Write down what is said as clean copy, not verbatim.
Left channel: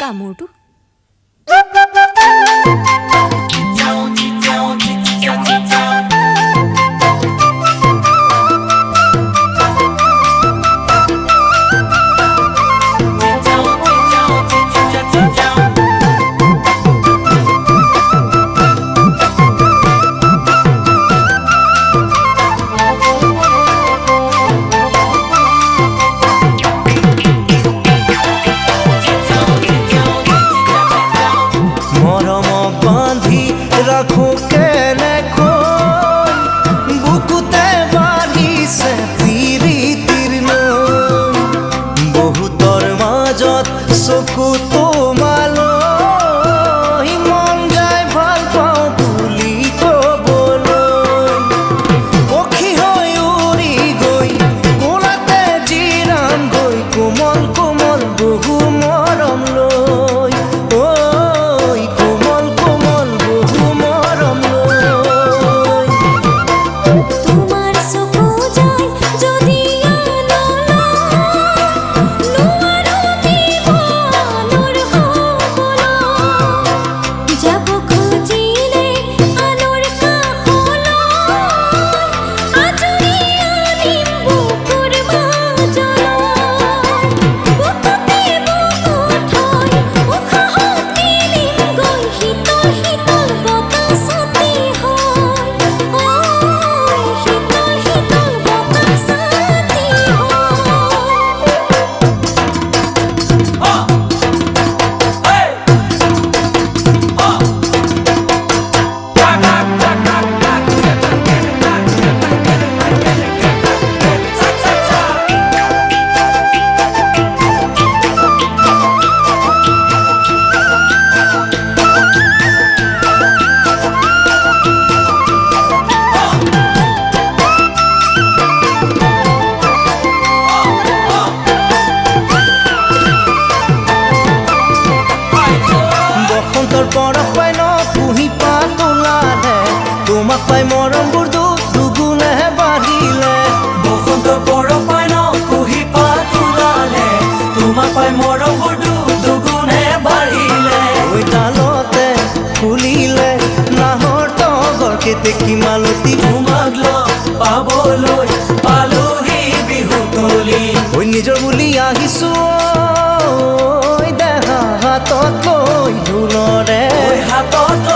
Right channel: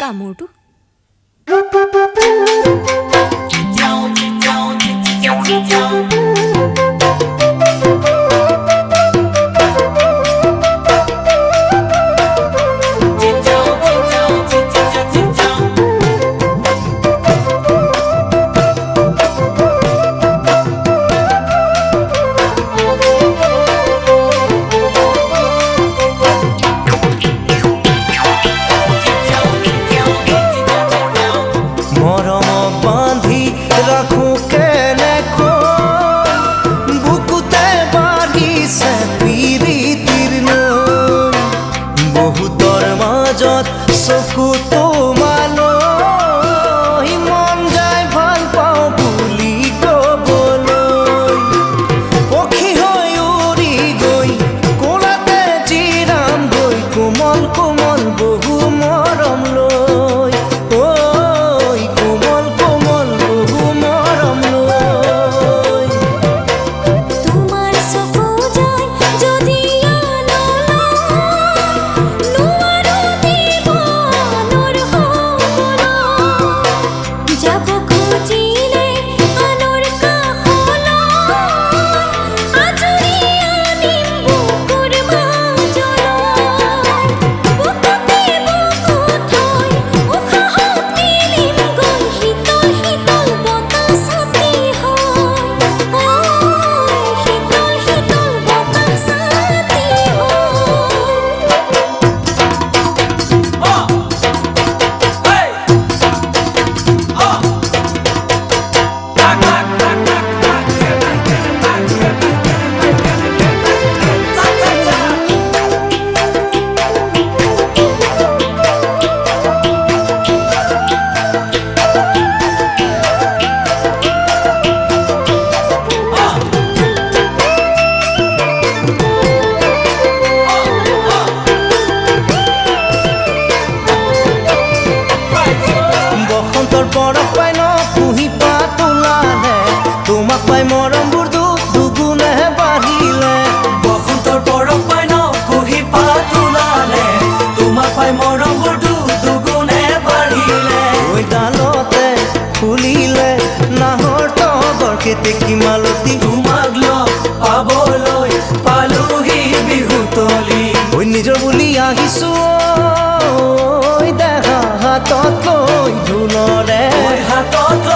কামোৰটো মৰমক বান্ধি ৰাখো কেনেকৈ বুকুতে বাঢ়িছে প্ৰীতিৰ নৈ বহুতৰ মাজত চকু তোমালৈ মন যায় ভাল পাওঁ বুলি ক'বলৈ পক্ষী হৈ উৰি গৈ কোলাতে জিৰাম গৈ কোমল কোমল বহু মৰম লৈ কোমল কোমল বহু মৰম লৈ তোমাৰ চকু যায় যদি নোৱাৰো দিব আনৰ হ'বলৈ যাব খুজিলে আনৰ কাষলৈ আজৰি আনিম বুকুৰ মাজলৈ বুকুতে বুকু থৈ উশাহত মিলিম গৈ শীতল শীতল বতাহ ছাতি হয় শীতল শীতল বতাহ ছাতি বসন্তৰ পৰশ পাই ন কুঁহি পাত ওলালে তোমাক পাই মৰমবোৰ দুগুণে বাঢ়িলে বসন্তৰ পৰশ পাই ন কুঁহি পাত ওলালে তোমাক পাই মৰমবোৰ দুগুণে বাঢ়িলে ঐ ডালতে ফুলিলে নাহৰ তগৰ কেতেকী মালতী তোমাক লগ পাবলৈ পালোহি বিহুতলি ঐ নিজৰ বুলি আহিছো ঐ দেহা হাতত লৈ ঢোলৰে হাতত